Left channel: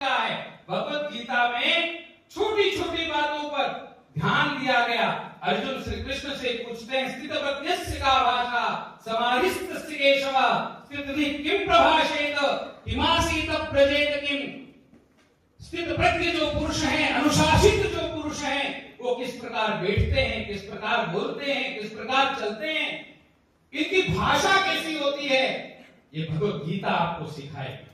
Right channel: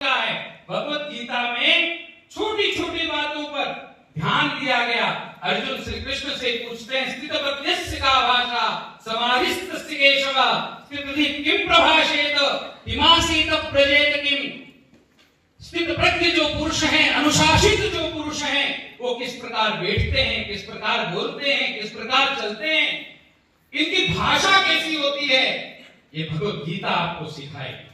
है। भगवत गीता में छोटी छोटी बातों पर ध्यान दिया गया। अर्जुन श्री कृष्ण से पूछते हैं, स्थितप्रज्ञस्य का भाषा समाधिस्तस्य केशव स्थितधि किम प्रभाषेत हिमासीत प्रजेत किम। स्थित प्रज्ञ जो पुरुष हैं, अनुशासित जो पुरुष हैं, वो किस प्रकार बैठते हैं, किस प्रकार बोलते हैं, किस प्रकार चलते हैं, इनकी भाषा कैसी होती है, ये भगवत गीता आपको सिखाएगी।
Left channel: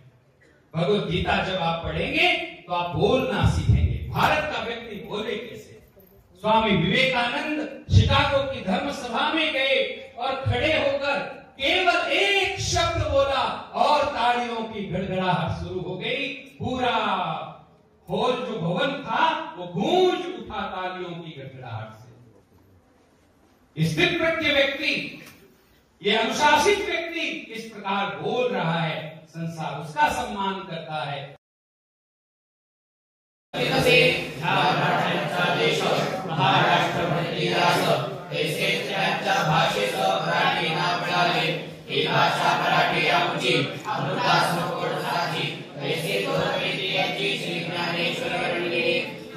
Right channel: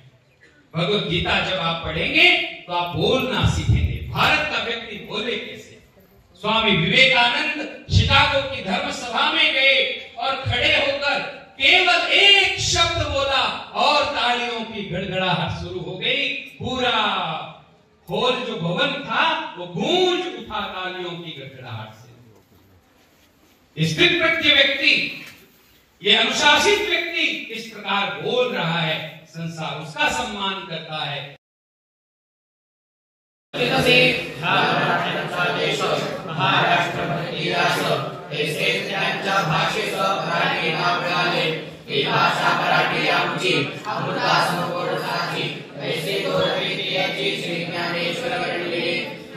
भगवत गीता जब आप पढ़ेंगे तो आप बोलना सीखेंगे। भारत का व्यक्ति बोले कैसे। स्वामी विवेकानंद शिकागो की धर्म सभा में गए और खड़े होकर केवल एक शब्द बोला और तालियों की गड़गड़ाहट शुरू हो गई। पूरा हॉल जो भवन था वो गूंज उठा तालियों की गड़गड़ाहट से। स्थित प्रज्ञ व्यक्ति, ये अनुशासित व्यक्ति इस प्रकार बोल रहा है, संसार उसका सम्मान करता है। भाषा मराठी आमची ऐसे तो श्री ज्ञानेश्वर वर्णिले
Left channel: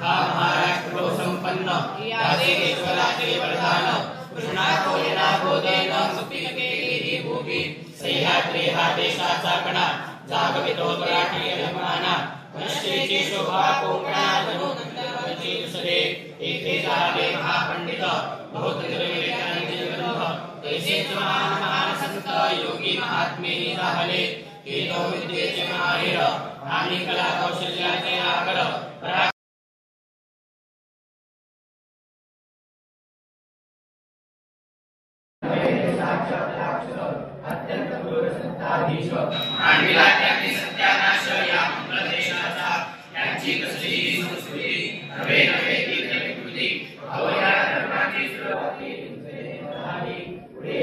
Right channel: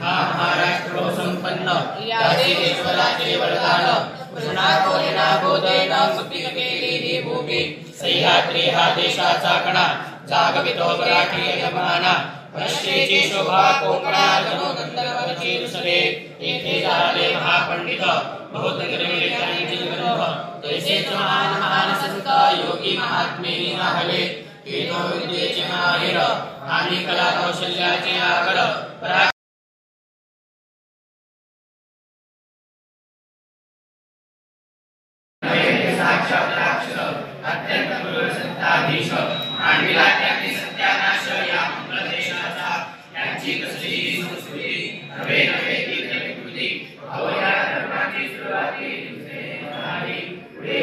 महाराष्ट्र संपन्न देशवराचे वरदान कृष्णाकोलेना बोधेन सुखी केलेली भूमी सह्याद्री हा देशाचा कणा जागवितो मराठी अभिमाना राष्ट्रीची शोभा कोकणा जनो गंधर्वची दुसरे येथे झाले महापंडित बहुत निर्मिळे त्यांची ग्रंथ तैसेच महान महान संत योगी महात्मे राहिले हे तो विद्येचे माहिर आणि कला कौशल्याचे आकर अत्यंत संताधीश मांडविला त्यांनी सत्यानाश या प्रदेशाचा त्यांची कसली संस्कृती नवे नवे कीर्ती अवया धर्माची सुरुवाती पुढे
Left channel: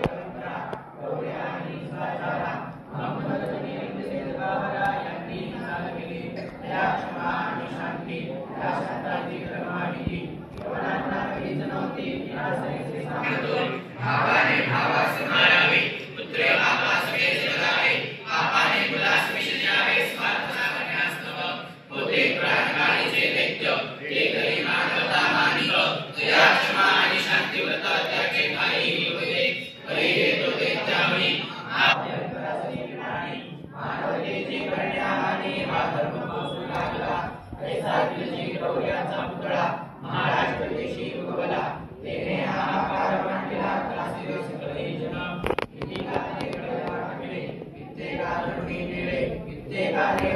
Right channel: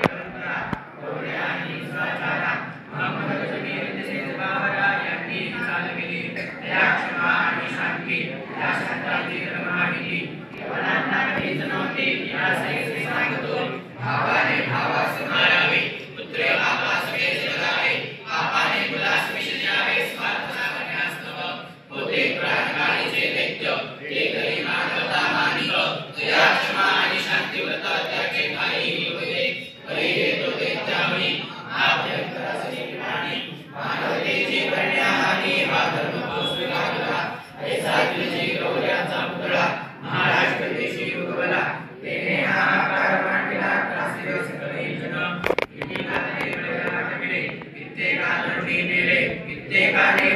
परंपरा गौऱ्यानी स्वाचारा महम्मद जमीर सेवारा यांनी चाल केली त्या क्षमा आणि शांती या संतांची धर्माविधी केवळांना नव्हती या सैसे सांगतो भावाने भावास मारावे पुत्र आपला सगळे जगावे आपाने मुलास विष द्यावे स्वार्थ सागण्यास नव होते प्राणकाळीचे दैत्य ते करी मानवता मानिक दया क्षमा आणि शांती व्रत त्याचे काहीही होते हरी येतो दैत्यावरी आभ्यंतराची प्राणी मानवतेची कण्याहानी हा धर्म पोसू लागला ऐसा तुझी गौऱ्याचा पुतळा महाराष्ट्र देशी उगवला तेने हाहाकार मांडला त्रासिले सगळे जन कित्येकाने प्रयाण केले कित्येकाने नेले कित्येकाने